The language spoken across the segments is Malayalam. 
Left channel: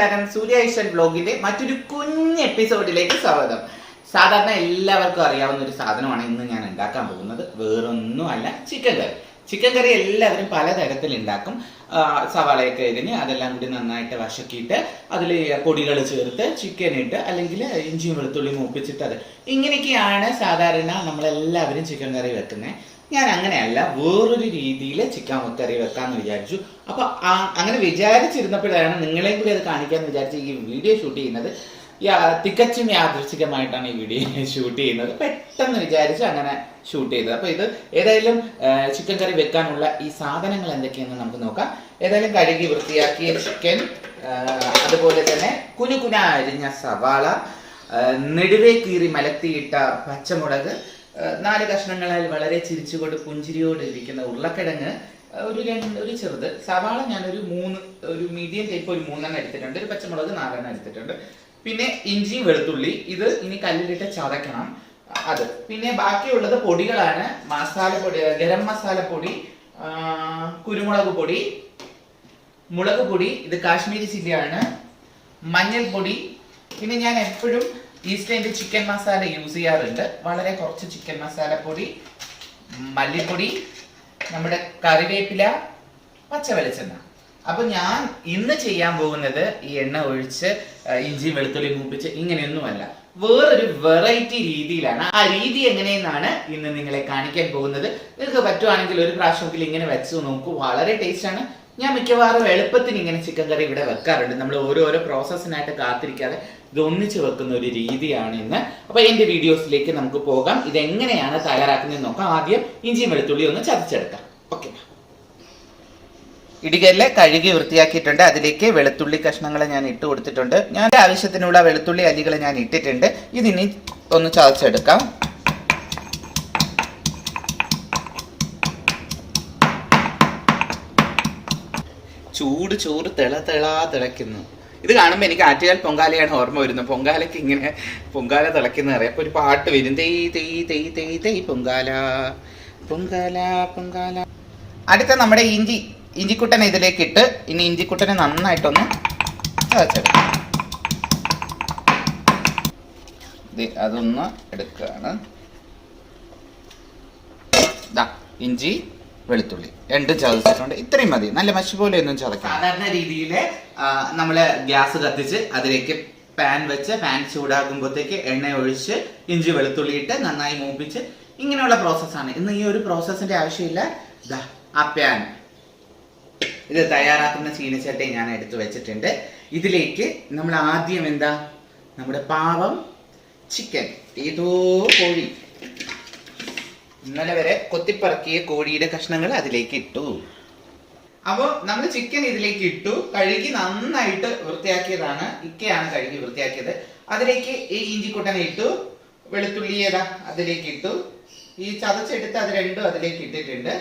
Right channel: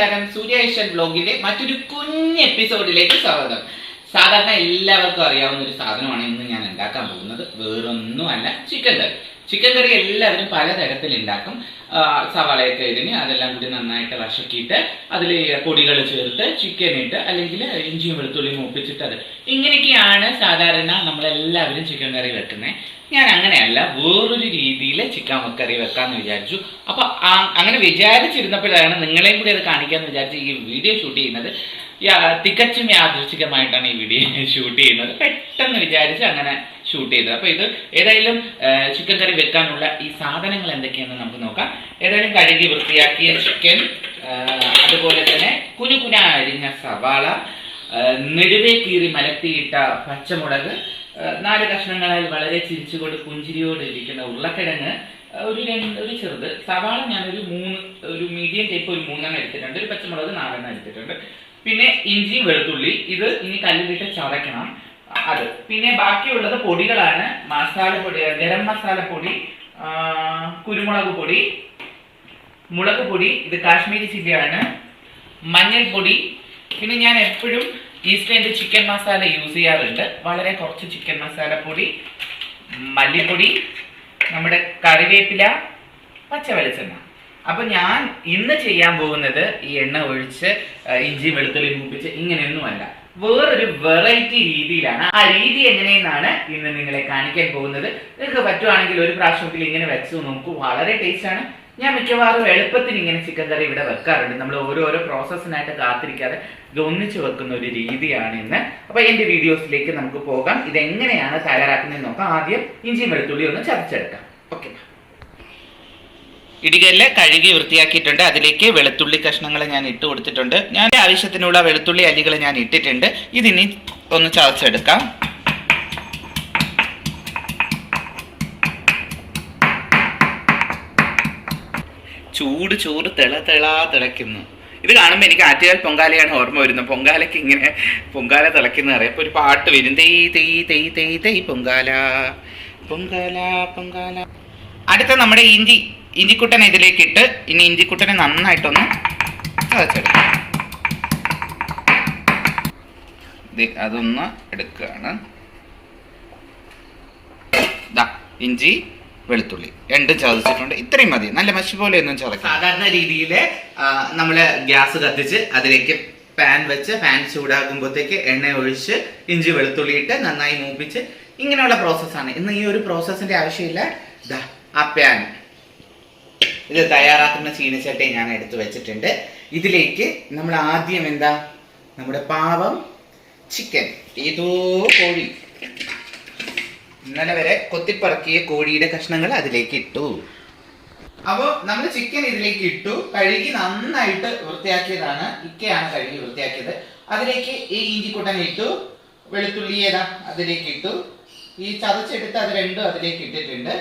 നമസ്കാരം. സൂര്യ ഏഷ്യൻ വ്ലോഗിന്റെ മറ്റൊരു കുഞ്ഞ് എപ്പിസോഡിലേക്ക് സ്വാഗതം. സാധാരണ എല്ലാവർക്കും അറിയാവുന്ന ഒരു സാധനമാണ് ഇന്ന് ഞാൻ ഉണ്ടാക്കാൻ പോകുന്നത്. വേറൊന്നുമല്ല, ചിക്കൻ കറി. ചിക്കൻ കറി എല്ലാവരും പലതരത്തിൽ ഉണ്ടാക്കും. സവാളയൊക്കെ എരിഞ്ഞ് അതെല്ലാം കൂടി നന്നായിട്ട് വശക്കിയിട്ട് അതിൽ പൊടികൾ ചേർത്ത് ചിക്കൻ ഇട്ട് അല്ലെങ്കിൽ ഇഞ്ചിയും വെളുത്തുള്ളിയും ഒപ്പിച്ചിട്ട് അത് ഇങ്ങനെയൊക്കെയാണ് സാധാരണ നമ്മളെല്ലാവരും ചിക്കൻ കറി വെക്കുന്നത്. ഞാൻ അങ്ങനെയല്ല, വേറൊരു രീതിയിൽ ചിക്കൻ കറി വെക്കാമെന്ന് വിചാരിച്ചു. അപ്പോൾ അങ്ങനെ വിചാരിച്ചിരുന്നപ്പോഴാണ് നിങ്ങളെയും കൂടി അത് കാണിക്കാമെന്ന് വിചാരിച്ച് ഈ വീഡിയോ ഷൂട്ട് ചെയ്യുന്നത്. തികച്ചും യാദൃച്ഛികമായിട്ടാണ് ഈ വീഡിയോ ഷൂട്ട് ചെയ്യുന്നത്. പെട്ടെന്ന് വിചാരിച്ച് അങ്ങനെ ഷൂട്ട് ചെയ്തത്. അപ്പോൾ ഇത് ഏതായാലും ചിക്കൻ കറി വെക്കാനുള്ള ഈ സാധനങ്ങൾ എന്തൊക്കെയാണെന്ന് നമുക്ക് നോക്കാം. ഏതായാലും കഴുകി വൃത്തിയാക്കിയ ചിക്കൻ, അതുപോലെ തന്നെ കുനുകുന അരിഞ്ഞ സവാള, നെടുവേ കീറി മലത്തിയിട്ട പച്ചമുളക്, 4 കഷ്ണങ്ങളായി വളരെ ചിരിച്ചുകൊണ്ട് പുഞ്ചിരിയോട് ഇരിക്കുന്ന ഉരുളക്കിഴങ്ങ്, ഒരു ചെറുത് സവാള ഞാനൊരു 3 മീഡിയം ടൈപ്പ് ഒരു 3 എടുത്തിട്ടുണ്ട്. ഒരു പച്ചമുളക് 4 എടുത്തിട്ടുണ്ട്. പിന്നെ ഇഞ്ചി വെളുത്തുള്ളി, ഇത് ഇനി കല്ലിലിട്ട് ചതയ്ക്കണം അത്. പിന്നെ ബാക്കിയുള്ളത് പൊടികളാണ്. മസാലപ്പൊടി, ഗരം മസാലപ്പൊടി, കുരുമുളക് പൊടി, മുളക് പൊടി, ഇത് കാശ്മീരി ചില്ലിയാണ്, മഞ്ഞൾപ്പൊടി. പിന്നെ ഞാൻ എപ്പോഴും ഈസ്റ്റേൻ്റെ ചിക്കൻ മസാല യൂസ് ചെയ്യാറുണ്ട്. വളരെ കുറച്ച് ചിക്കൻ മസാലപ്പൊടി, മല്ലിപ്പൊടി, നമ്മുടെ കറിവേപ്പില, പച്ച വെളിച്ചെണ്ണ. അപ്പൊ ഞാൻ ഇന്ന് ചെയ്യാൻ പോകുന്നത് ഈ എണ്ണ ഒഴിച്ച് ഇഞ്ചി വെളുത്തുള്ളി മൂപ്പിച്ച് ഇങ്ങനെയൊന്നുമല്ല, വേറൊരു വെറൈറ്റി രീതിയിലാണ്. ആ രീതി എങ്ങനെയെന്നാണ് ഇന്ന് നിങ്ങളെ കാണിക്കാൻ പോകുന്നത്. നിങ്ങൾക്ക് പറ്റുവാണെങ്കിൽ ഒരു പ്രാവശ്യമെങ്കിലും ഇങ്ങനെ വെച്ച് നോക്കൂ, വളരെ ടേസ്റ്റ് ആണ്. ഞാൻ മിക്കവാറും എളുപ്പത്തിന് ഇങ്ങനെ ചിക്കൻ കറി ഇവിടെ വെക്കാറുണ്ട്. നമ്മൾ ഓരോരോ പ്രോസസ്സിനായിട്ട് കാത്തിരിക്കാതെ ഇത് ഒന്നിച്ച് വെക്കുന്ന ഒരു രീതിയാണ് ഇന്ന്. അപ്പൊ എന്റെ വീഡിയോസിലേക്ക് നമുക്ക് പോകാം. ഇതെങ്ങനെയാണ് തയ്യാറാക്കുന്നത് നോക്കാം. ആദ്യം ഇഞ്ചിയും വെളുത്തുള്ളി ഒന്ന് ചതച്ചെടുക്കാം. ഓക്കെ, ഇടികല്ല് കഴുകി വൃത്തിയാക്കിയിട്ടുണ്ട്. അതിലേക്ക് വെളുത്തുള്ളി കഷ്ണങ്ങൾ ഞാൻ ഇട്ട് കൊടുത്തിട്ടുണ്ട്. ഞാൻ ആവശ്യത്തിനുള്ള വെളുത്തുള്ളി അല്ലികൾ ഞാൻ ഇട്ടിട്ടുണ്ട്. ഇതിനി ഒന്ന് ചതച്ചെടുക്കാം. ചൂട് ചോറ് തിളയ്ക്കുന്നു. ഇത് കാണുമ്പോൾ എനിക്ക് ആറ്റുകാൽ പൊങ്കാലയാണ് ഓർമ്മ വരുന്നത്. പൊങ്കാലയ്ക്ക് ഇങ്ങനെ പൊങ്കാല തിളയ്ക്കുന്ന അറിയാം. അപ്പോൾ ഒരു പാട്ട് വരും, തെയ് തെയ് തെയ് തെയ് തെയ് പൊങ്കാല പൊങ്കാല പൊങ്കാല. അടുത്ത നമ്മുടെ ഇഞ്ചിക്കുട്ടനെ ഇതിലേക്ക് ഇട്ട് ഇനി ഇഞ്ചിക്കുട്ടനെ നന്നായിട്ടൊന്ന് ചതച്ചെടുക്കാം. അതൊന്ന് എടുക്കുകയാണ്. ഇഞ്ചി വെളുത്തുള്ളി 2 ചതച്ചിട്ടുണ്ട്. ഇത്രയും മതി, നല്ല മഷി പോലെ ഒന്നും ചതക്കാം. സാധാരണ രീതിയിൽ നമ്മൾ ഗ്യാസ് കത്തിച്ച് അതിലേക്ക് പാൻ വെച്ച് പാൻ ചൂടാകുമ്പോഴത്തേക്ക് എണ്ണ ഒഴിച്ച് ഇഞ്ചി വെളുത്തുള്ളി ഇട്ട് നന്നായി മൂപ്പിച്ച് ഇങ്ങനെയുള്ള പ്രോസസ്സാണ്. ഇന്ന് ഈ ഒരു പ്രോസസ്സിന്റെ ആവശ്യമില്ല. ആ പാൻ ഇത് തയ്യാറാക്കുന്ന ചീനച്ചട്ടി ഞാൻ എടുത്തു വെച്ചിട്ടുണ്ട്. ഇതിലേക്ക് നമ്മൾ ആദ്യം നമ്മുടെ പാവം ചിക്കൻ, ഏതോ കോഴി, ഇന്നലെ വരെ കൊത്തിപ്പറക്കിയ കോഴിയുടെ കഷ്ണങ്ങൾ അതിലേക്ക് ഇട്ടു. അപ്പോൾ നമ്മൾ ചിക്കൻ ഇതിലേക്ക് ഇട്ടു. കഴുകി നന്നായിട്ട് വൃത്തിയാക്കിയതാണ്. ഇക്കയാണ് കഴുകി വൃത്തിയാക്കിയത്. അതിലേക്ക് ഈ ഇഞ്ചിക്കുട്ടനെ ഇട്ടു. വെളുത്തുള്ളി അതിലേക്ക് ഇട്ടു. ഈ ചതച്ചെടുത്ത് അത് രണ്ടും അതിലേക്ക് ഇട്ടിട്ടുണ്ട്.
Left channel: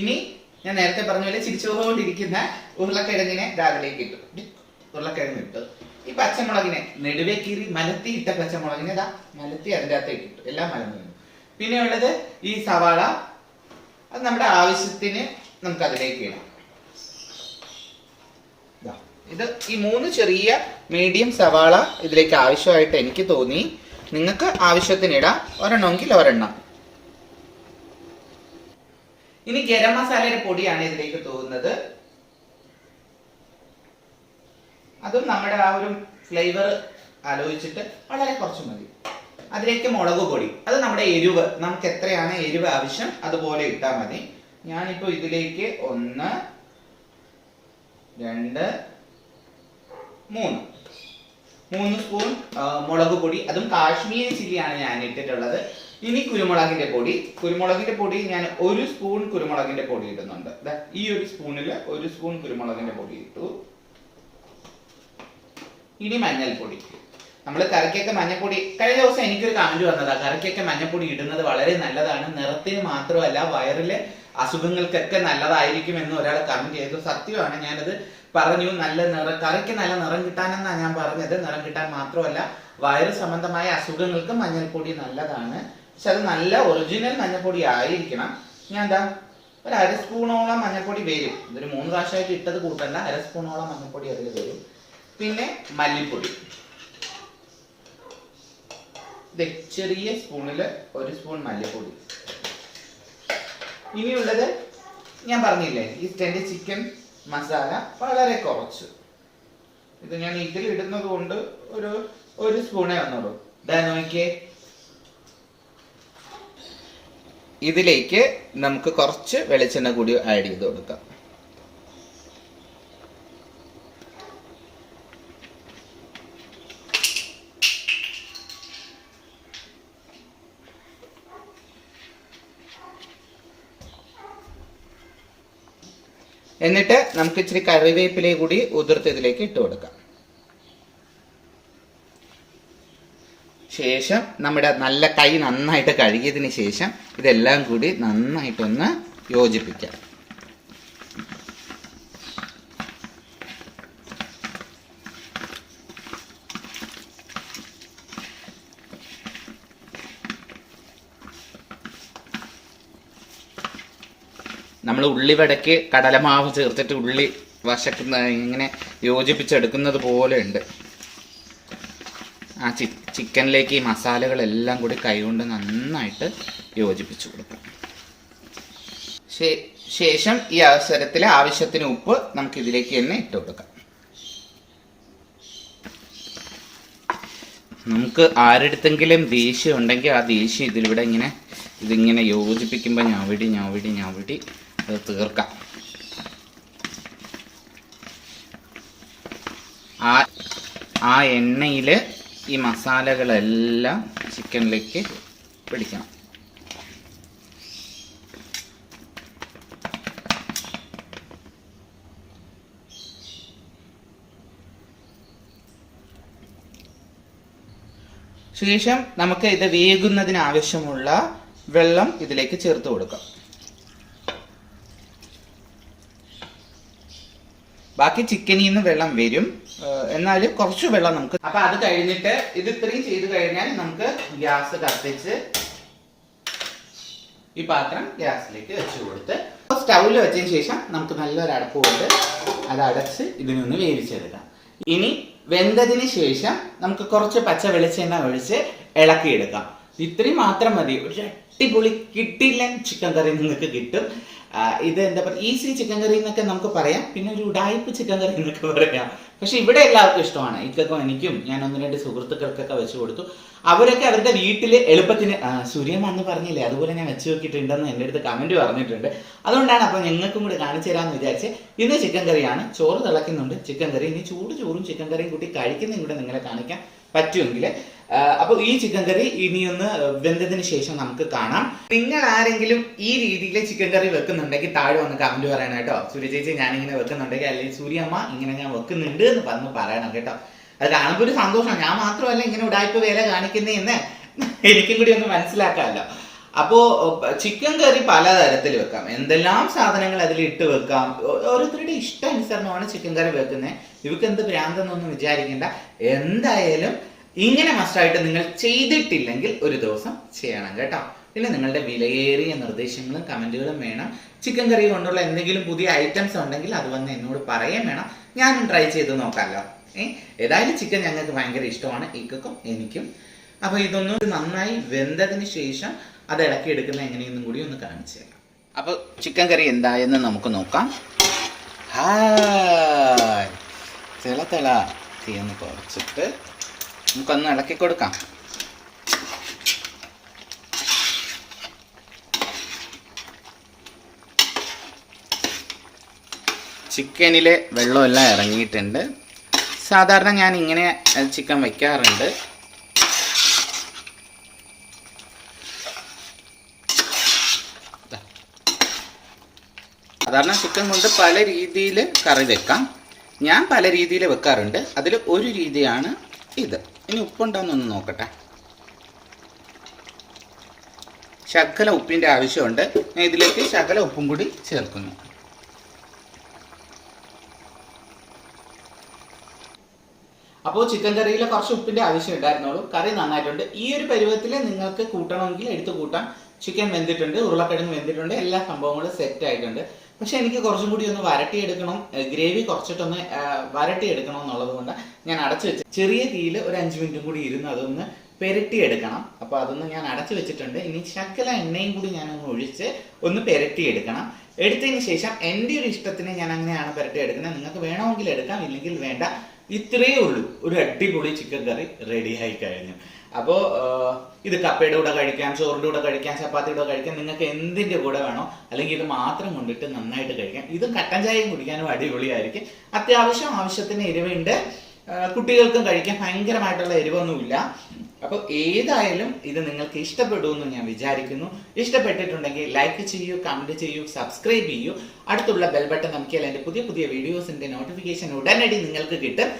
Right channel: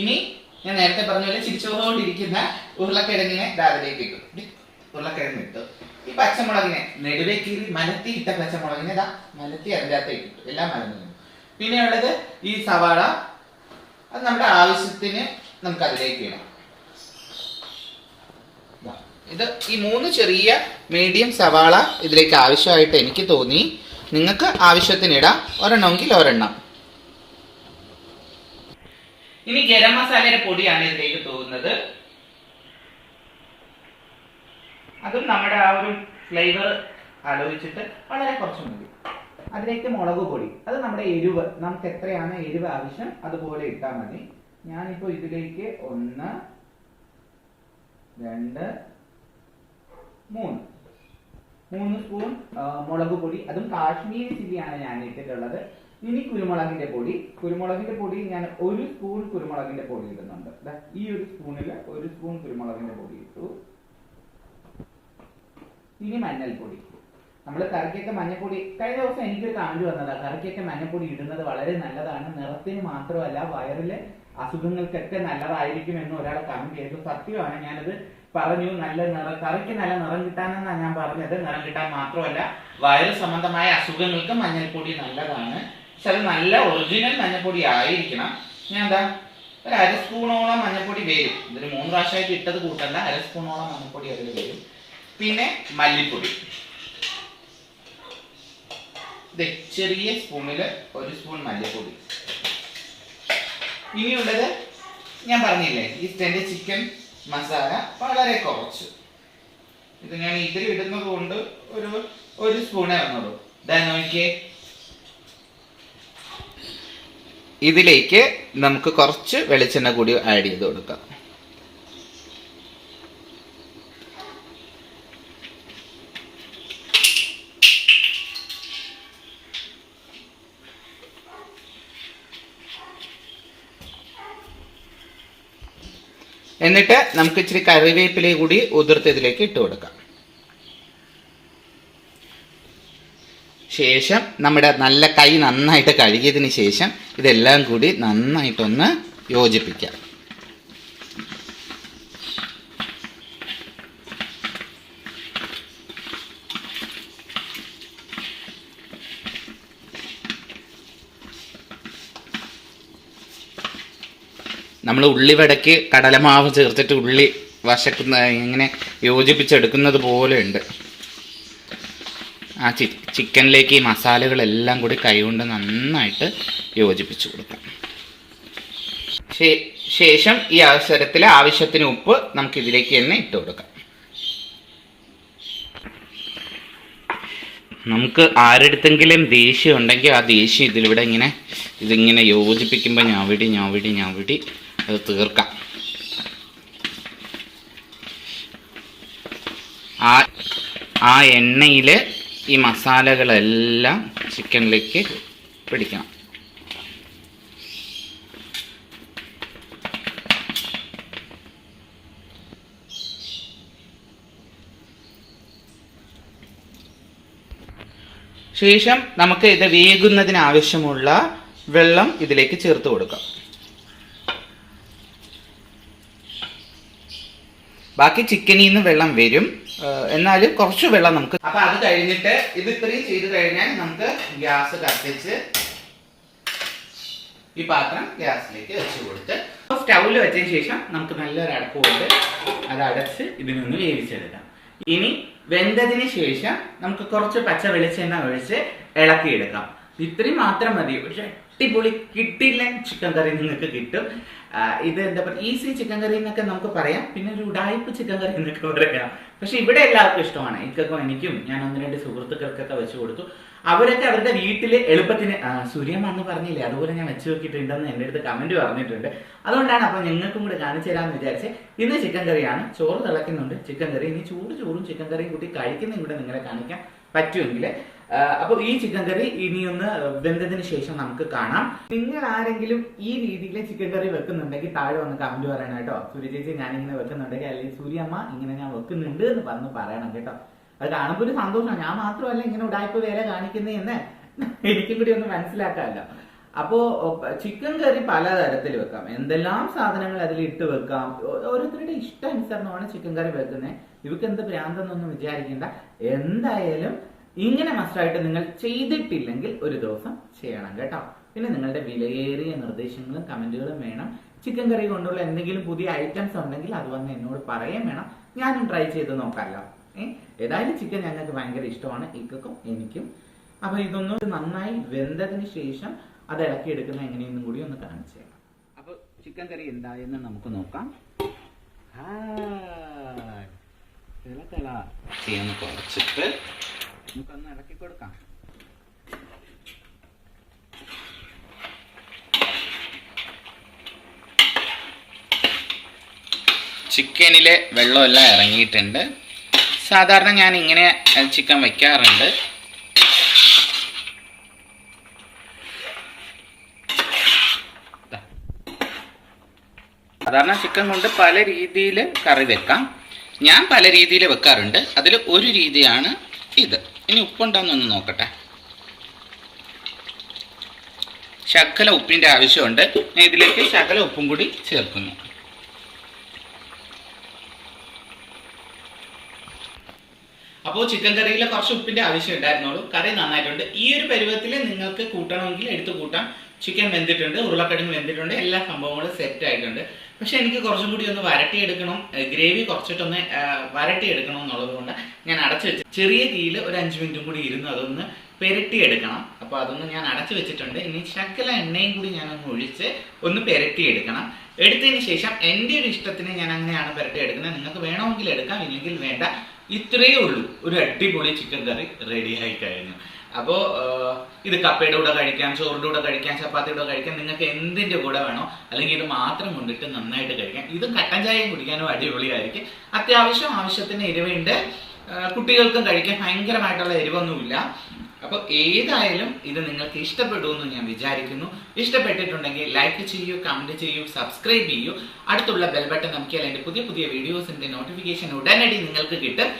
ഇനി ഞാൻ നേരത്തെ പറഞ്ഞ പോലെ ചിരിച്ചുകൊണ്ടിരിക്കുന്ന ഉരുളക്കിഴങ്ങിനെ അതിലേക്ക് ഇട്ടു. ഉരുളക്കിഴങ്ങ് ഇട്ടു. ഈ പച്ചമുളകിനെ നെടുവേ കീറി മലത്തി ഇട്ട പച്ചമുളകിനെ മലത്തി അതിൻ്റെ അകത്തേക്ക് ഇട്ടു. എല്ലാം മലന്നു. പിന്നെ ഉള്ളത് ഈ സവാള, അത് നമ്മുടെ ആവശ്യത്തിന് നമുക്ക് അതിലേക്ക് ഇടാം. ഇത് ഈ 3 ചെറിയ മീഡിയം സവാള ഇതിലേക്ക് ആവശ്യമായിട്ട് എനിക്ക് തോന്നി. നിങ്ങൾക്ക് ആവശ്യത്തിന് ഇടാം, ഒരെണ്ണമെങ്കിൽ ഒരെണ്ണം. ഇനി ഗരം മസാലയുടെ പൊടിയാണ് ഇതിലേക്ക് തോന്നുന്നത്. അതും നമ്മുടെ ആ ഒരു ഫ്ലേവർ ആലോചിച്ചിട്ട് വളരെ കുറച്ച് മതി. അതിലേക്ക് മുളക് പൊടി, അത് നമ്മുടെ എരിവ്, നമുക്ക് എത്രയാണ് എരിവ് ആവശ്യം അതുപോലെ ഇട്ടാൽ മതി. ഞാനിപ്പോൾ ഇതിലേക്ക് 1 2 3 സ്പൂൺ മുളക് പൊടി, അതും കാശ്മീരി ചില്ലിയാണ് ഞാൻ ഇട്ടിട്ടുള്ളത്. ഇനി കുരുമുളകിന്റെ പൊടി ഞാൻ 1 സ്പൂൺ കുരുമുളകിന്റെ പൊടി ഇടുന്നുണ്ട്. ഈ ഒരു സ്പൂണിൽ 1 സ്പൂൺ കുരുമുളകിന്റെ പൊടി ഇട്ടു. ഇനി മഞ്ഞൾപ്പൊടി. നമ്മൾ കറിക്കൊക്കെ മഞ്ഞൾപ്പൊടി, കഴിഞ്ഞ ദിവസം എനിക്കൊരു കമന്റ് വന്നതാ, കറിക്കൊക്കെ മഞ്ഞൾപ്പൊടി ഇടുന്നത് വളരെ നല്ലതാണ്, നിറത്തിന് മാത്രമല്ല വയറിലെ അസുഖങ്ങൾക്കൊക്കെ നല്ലതായിരിക്കും എന്ന് ഒരാൾ കമന്റ് ചെയ്തു. സത്യമാണ്, ഞാനത് പറഞ്ഞു. കറിക്ക് നല്ല നിറം കിട്ടാനെന്നാണ് ഞാൻ പറഞ്ഞത്. നിറം കിട്ടാൻ മാത്രമല്ല വയറ് സംബന്ധമായ അസുഖങ്ങൾക്ക് മഞ്ഞൾപ്പൊടി നല്ലതാണ്. പക്ഷെ അത് നല്ല ഒറിജിനൽ മഞ്ഞൾപ്പൊടി ആയിരിക്കണം. ഞാൻ ഒരു അര സ്പൂണോളം മഞ്ഞൾപ്പൊടി വരും. ഇതൊരു 3 പ്രാവശ്യമായിട്ട് ഇട്ടത് കൂട്ടണ്ട, അര സ്പൂണോളം മഞ്ഞൾപ്പൊടി അതിൽ വരും. പിന്നെ മല്ലിപ്പൊടി ചെറിയ സ്പൂണിൽ 1 സ്പൂൺ മല്ലിപ്പൊടി. ഇനിയുള്ളത് ഞാൻ പറഞ്ഞില്ലേ, ഈസ്റ്റേന്റെ ചിക്കൻ മസാല വളരെ കുറച്ച്. ഇത് ഞാൻ ഇതിൽ ഇടുന്നത് കൊണ്ട് ഒരു സ്പൂണേ വന്നുള്ളൂ. ഇതാ നോക്കിയേ. ഇതിലേക്ക് നമുക്ക് കുറച്ച് വെളിച്ചെണ്ണ കൂടി ആഡ് ചെയ്ത് കൊടുക്കാം. എന്നിട്ട് നമുക്ക് ഇച്ചിരി കറിവേപ്പില കൂടി ഉതിർത്ത് ഇതിലേക്ക് ഇട്ട് കൊടുക്കാം. ശേഷം നമ്മുടെ നല്ല കൈ നന്നായിട്ട് കഴുകിയതിന് ശേഷം ഇതെല്ലാം കൂടി നന്നായിട്ടൊന്ന് യോജിപ്പിക്കാം. നമ്മൾ ഉള്ളിവടയ്ക്ക് കടലമാവ് ചേർത്തിട്ട് ഉള്ളി വശക്കുന്ന ഇങ്ങനെ യോജിപ്പിച്ചെടുക്കുന്നത് പോലെ ഉണ്ട്. ആ ചിക്കനിലേക്ക് ഈ മസാലകളെല്ലാം കൂടി കൈകൊണ്ട് നന്നായിട്ട് യോജിപ്പിച്ച് കൊടുക്കാം. ശേഷം ഈ അവസരത്തിൽ ആവശ്യത്തിന് ഉപ്പ് നമുക്ക് ഇതിലേക്ക് തന്നെ ഇട്ട് കൊടുക്കാം. നമുക്ക് ആരെടുത്തെങ്കിലും ദേഷ്യം ഉണ്ടെങ്കിൽ ആ ദേഷ്യം ഇതിലൂടെ ഇതിങ്ങനെ യോജിപ്പിക്കുമ്പോൾ ഞാവിടി അത് തീർക്കാം. ആ എണ്ണയിൽ ഈ മസാലകളെല്ലാം ചിക്കനിലേക്ക് പിടിക്കണം. ശേഷം നമുക്ക് ഇത് വേകുന്നതിന് ആവശ്യമുള്ള വെള്ളം ഇതിലേക്ക് ചേർത്ത് കൊടുക്കാം. ബാക്കി ചിക്കനിൽ നിന്ന് വെള്ളം വരും, എന്നാലും കുറച്ച് വെള്ളം നമുക്ക്. അപ്പൊ അത് കഴിഞ്ഞിട്ട് ഇത് ഇത്രയും ചെയ്ത് കഴിഞ്ഞാൽ നമുക്ക് ഗ്യാസ് കത്തിച്ച് ഈ പാത്രം ഗ്യാസിലേക്ക് വെച്ച് കൊടുത്ത് സ്റ്റൗവിൽ വെച്ചതിന് ശേഷം നമുക്ക് നല്ലൊരു അടപ്പ് കൊണ്ട് അത് അടച്ച് ഇതിനൊന്ന് വേവിച്ചെടുക്കാം. ഇനി വെന്തതിന് ശേഷം നമുക്ക് കുറച്ച് പച്ച വെളിച്ചെണ്ണ ഒഴിച്ച് ഇളക്കിയെടുക്കാം. ഇത്രയും മാത്രം മതി. ഒരു അടിപൊളി കിട്ടില്ല ചിക്കൻ കറി നിങ്ങൾക്ക് കിട്ടും. ഇത് എന്താ പറയുക, ഈസി ചിക്കൻ കറി എന്നൊക്കെ നമുക്ക് പറയാം, പിന്നെ ഒരു ഉടായ്പ ചിക്കൻ കറി എന്നൊക്കെ പറയാം. പക്ഷെ ഇവിടെ എല്ലാവർക്കും ഇഷ്ടമാണ്. ഇക്കൊക്കെ എനിക്കും ഞാൻ 1-2 സുഹൃത്തുക്കൾക്കൊക്കെ വെച്ച് കൊടുത്തു. അവരൊക്കെ അവരുടെ വീട്ടിൽ എളുപ്പത്തിന് സൂര്യമ്മ എന്ന് പറഞ്ഞില്ലേ, അതുപോലെ ഞാൻ വെച്ച് നോക്കിയിട്ടുണ്ടെന്ന് എൻ്റെ അടുത്ത് കമന്റ് പറഞ്ഞിട്ടുണ്ട്. അതുകൊണ്ടാണ് അപ്പം ഞങ്ങൾക്കും കൂടെ കാണിച്ചു തരാമെന്ന് വിചാരിച്ച് ഇന്ന് ചിക്കൻ കറിയാണ്. ചോറ് തിളയ്ക്കുന്നുണ്ട്, ചിക്കൻ കറി. ഇനി ചോറും ചിക്കൻ കറിയും കൂട്ടി കഴിക്കുന്നതും കൂടെ നിങ്ങളെ കാണിക്കാൻ പറ്റുമെങ്കിൽ. അപ്പോൾ ഈ ചിക്കൻ കറി ഇനിയൊന്ന് വെന്തതിന് ശേഷം നമുക്ക് കാണാം. നിങ്ങൾ ആരെങ്കിലും ഈ രീതിയിൽ ചിക്കൻ കറി വെക്കുന്നുണ്ടെങ്കിൽ താഴെ വന്ന് കമന്റ് പറയണം കേട്ടോ. സൂര്യ ചേച്ചി ഞാനിങ്ങനെ വെക്കുന്നുണ്ടെങ്കിൽ, അല്ലെങ്കിൽ സൂര്യമ്മ ഇങ്ങനെ ഞാൻ വെക്കുന്നുണ്ട് എന്ന് പറയണം കേട്ടോ. അത് കാണുമ്പോൾ ഒരു സന്തോഷം. ഞാൻ മാത്രമല്ല ഇങ്ങനെ ഉടായ്പ വേല കാണിക്കുന്നതെന്ന് എനിക്കും കൂടി ഒന്ന് മനസ്സിലാക്കാമല്ലോ. അപ്പോൾ ചിക്കൻ കറി പലതരത്തിൽ വെക്കാം. എന്തെല്ലാം സാധനങ്ങൾ അതിൽ ഇട്ട് വെക്കാം. ഓരോരുത്തരുടെ ഇഷ്ടാനുസരണമാണ് ചിക്കൻ കറി വെക്കുന്നത്. ഇവർക്ക് എന്ത് ഭ്രാന്തെന്നൊന്നും വിചാരിക്കേണ്ട. എന്തായാലും ഇങ്ങനെ മസ്റ്റായിട്ട് നിങ്ങൾ ചെയ്തിട്ടില്ലെങ്കിൽ ഒരു ദിവസം ചെയ്യണം കേട്ടോ. പിന്നെ നിങ്ങളുടെ വിലയേറിയ നിർദ്ദേശങ്ങളും കമന്റുകളും വേണം. ചിക്കൻ കറി കൊണ്ടുള്ള എന്തെങ്കിലും പുതിയ ഐറ്റംസ് ഉണ്ടെങ്കിൽ അത് വന്ന് എന്നോട് പറയാൻ വേണം. ഞാനും ട്രൈ ചെയ്ത് നോക്കാമല്ലോ. ഏതായാലും ചിക്കൻ ഞങ്ങൾക്ക് ഭയങ്കര ഇഷ്ടമാണ്, ഇക്കും എനിക്കും. അപ്പോൾ ഇതൊന്നും നന്നായി വെന്തതിന് ശേഷം അത് ഇളക്കി എടുക്കുന്ന എങ്ങനെയെന്നും കൂടി ഒന്ന് കാണിച്ചു തരാം. അപ്പോൾ ചിക്കൻ കറി എന്തായെന്ന് നമുക്ക് നോക്കാം. തിള തീയൊന്ന് കുറച്ചിട്ട് നമുക്കൊന്ന് ഇളക്കി കൊടുക്കാം. ചിക്കനിലെ വെള്ളമെല്ലാം ഇറങ്ങിയിട്ടുണ്ട്. സാധാരണ ഞാൻ ഇങ്ങനെ ചിക്കൻ വയ്ക്കാറുണ്ട്. സാധാരണ ചിക്കൻ കൊണ്ട് പല രീതിയിൽ കറി വെക്കാം. ഞാൻ പല രീതിയിൽ വെക്കാറുണ്ട്. അതിൽ ഒരു രീതിയാണ് ഇത്. ഇനി ഉപ്പുണ്ടോയെന്നൊന്ന് നോക്കട്ടെ. ശകല ഉപ്പിൻ്റെ ആവശ്യമുണ്ട്. ഞാൻ ഇതിലേക്ക് ശകല ഉപ്പും കൂടി ചേർക്കുന്നു. അപ്പോൾ ചിക്കൻ കറിയിൽ കുറച്ച് ഉപ്പിൻ്റെ ആവശ്യം ഉണ്ടായിരുന്നുള്ളൂ. കറി നന്നായിട്ടുണ്ട്. ഈ ഒരു പരുവത്തിൽ നിങ്ങൾക്ക് കൂട്ടണമെങ്കിൽ എടുത്ത് കൂട്ടാം. ചിക്കൻ വെന്തിട്ടുണ്ട്, ഉരുളക്കിഴങ്ങ് വെന്തിട്ടുണ്ട്, എല്ലാ സംഭവങ്ങളും സെറ്റ് ആയിട്ടുണ്ട്. പക്ഷെ എനിക്ക് കുറച്ചും കൂടി ഒന്ന് വരട്ടിയെടുക്കണം, ഗ്രേവി കുറച്ചിട്ടൊന്ന് വരട്ടിയെടുക്കണം എന്നുള്ളത് കൊണ്ട് ഞാൻ അടച്ചു വെച്ച് ചെറിയ തീയിൽ ഒരു 5 മിനിറ്റും കൂടി ഇരുന്ന് അതൊന്ന് പെരട്ടിയെടുക്കണം. അപ്പോൾ അതൊന്ന് ഞാൻ അടച്ചു വെച്ചിട്ടുണ്ട്. ഇനി ശകല എണ്ണയും കൂടി ഞാനൊന്ന് ഒഴിച്ച് ഒന്ന് പെരട്ടിയെടുക്കണം. എടുത്തതിന് ശേഷം എൻ്റെ ഒരു ഇഷ്ടത്തിന് ഞാൻ അങ്ങനെയാണ് പെരട്ടിയെടുക്കുന്നത്. നിങ്ങൾക്ക് വേണമെങ്കിൽ എടുക്കാം, ഇല്ലെങ്കിൽ വേണ്ട. ഇത്രയേ ഉള്ളൂ, ഒരു അടിപൊളി ചിക്കൻ കറി റെഡിയായി കഴിഞ്ഞു. അപ്പോൾ ഇത് കപ്പയുടെ കൂടെ കഴിക്കാം, ചോറിൻ്റെ കൂടെ കഴിക്കാം, ചപ്പാത്തിയുടെ കൂടെ കഴിക്കാം, നിങ്ങൾക്ക് എന്തിൻ്റെ കൂടെ വേണോ, അല്ലെങ്കിൽ ഇത് മാത്രം കൊണ്ടിട്ട് നന്നായിട്ട് കഴിക്കാം. ഇത് കട്ടൻ ചായയും കുടിക്കാനും അടിപൊളിയായിരിക്കും. ആവശ്യത്തിന് എരിവുണ്ട്, കുട്ടികൾക്കും കഴിക്കാൻ ഭയങ്കരമായിട്ടുള്ള എരിവൊന്നുമില്ല. അപ്പോൾ ഏതായാലും ഇത് നിങ്ങൾക്ക് ഇഷ്ടപ്പെടുമെന്ന് ഞാൻ വിചാരിക്കുന്നു. ഇഷ്ടപ്പെട്ടിട്ടുണ്ടെങ്കിൽ ലൈക്ക് ചെയ്യൂ, കമൻറ്റ് ചെയ്യൂ, സബ്സ്ക്രൈബ് ചെയ്യൂ. അടുത്തുള്ള ബെൽ ബട്ടൺ നമുക്കിയാൽ എൻ്റെ പുതിയ പുതിയ വീഡിയോസിൻ്റെ നോട്ടിഫിക്കേഷൻ ഉടനടി നിങ്ങൾക്ക് കിട്ടും.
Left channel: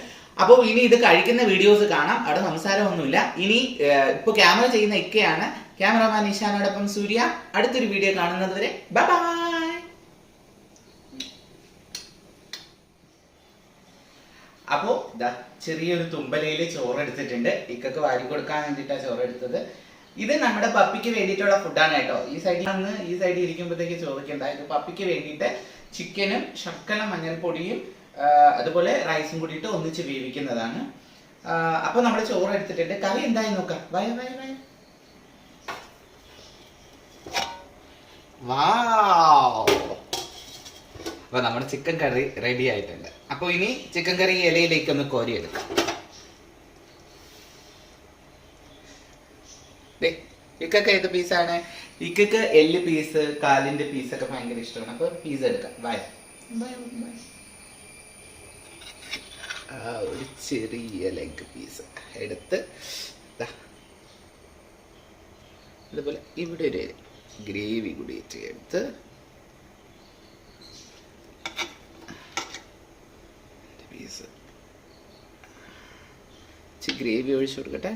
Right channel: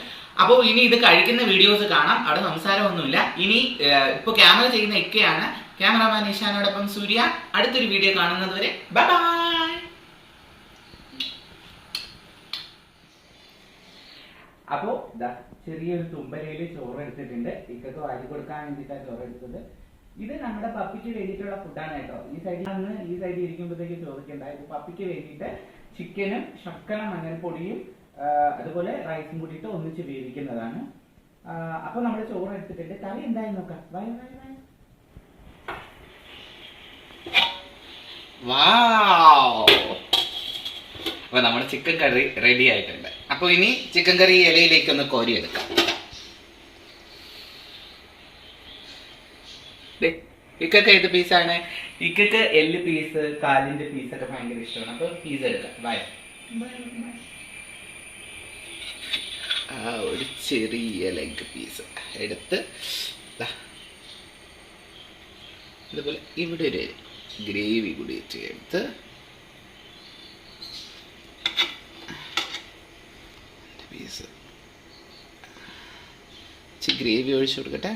അപ്പോൾ ഇനി ഇത് കഴിക്കുന്ന വീഡിയോസ് കാണാം, അവിടെ സംസാരമൊന്നുമില്ല. ഇനി ഇപ്പോൾ ക്യാമറ ചെയ്യുന്ന ഇക്കയാണ്, ക്യാമറമാൻ ഇഷാനോടൊപ്പം സൂര്യ. അടുത്തൊരു വീഡിയോ കാണുന്നത് വരെ ബൈ ബൈ. അപ്പോൾ ചെറിയൊരു തുമ്പലയിൽ ചോറ് എടുത്തിട്ടുണ്ട്. ഇക്കൊക്കെ വാരി കൊടുക്കാൻ വേണ്ടിയിട്ടാണ് ചോറ് എടുത്തത്. ഇത് നമ്മുടെ പപ്പിക്ക് വേണ്ടിയിട്ടുള്ള ഫുഡാണ് കേട്ടോ. ഈ സൈഡിൽ നിന്ന് ഈ സൈഡിൽ ഇരിക്കുമ്പോഴത്തേക്ക് ചോദിക്കണ്ട. ഇത് പപ്പിക്ക് വേണ്ടിയിട്ട് ചിക്കനും ശർക്കര മഞ്ഞൾപ്പൊടിയും അതുപോലെ റൈസും കൂടിയിട്ട് ഒന്നിച്ച് വേവിക്കുന്നതാണ്. അപ്പോൾ നമ്മൾ ചോറ് എടുത്തിട്ടുണ്ട്. കറി എന്തായി നോക്കാം. വയ വയ വയ. അപ്പോൾ നമ്മുടെ ചിക്കൻ കറി റെഡി ആയിട്ടുണ്ട്. അപ്പോൾ ഇനി ചിക്കൻ കറി ഇലയിലേക്ക് ഒന്ന് കോരിയെടുക്കാം. ഇക്കൊക്കെ ഏത് പീസാണ്? ഇക്കൊക്കെ എല്ല് പീസ്, കാലിന്റെ പീസൊക്കെ ഭയങ്കര ഇഷ്ടമാണ്. അപ്പോൾ പീസ് എടുക്കാം. വയ ഒരു ചെറിയ ലെഗ് പീസ് എടുത്ത് അതുപോലെ ഇവിടെ ഒരു ഗ്രേവി കൂടി ചേർത്ത് പീസ് ഗ്രേവി ഒഴിച്ചു കൊടുക്കട്ടെ.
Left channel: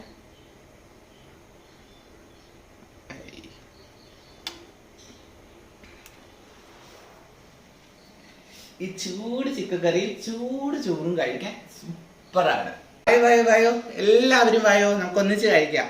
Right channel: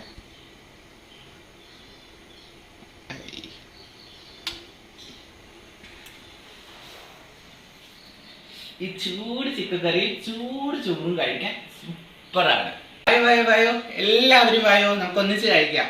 ഈ ചൂട് ചിക്കൻ കറി ചൂട് ചോറും കഴിക്കാൻ സൂപ്പറാണ്. വായോ എല്ലാവരും വായോ, നമുക്ക് ഒന്നിച്ച് കഴിക്കാം.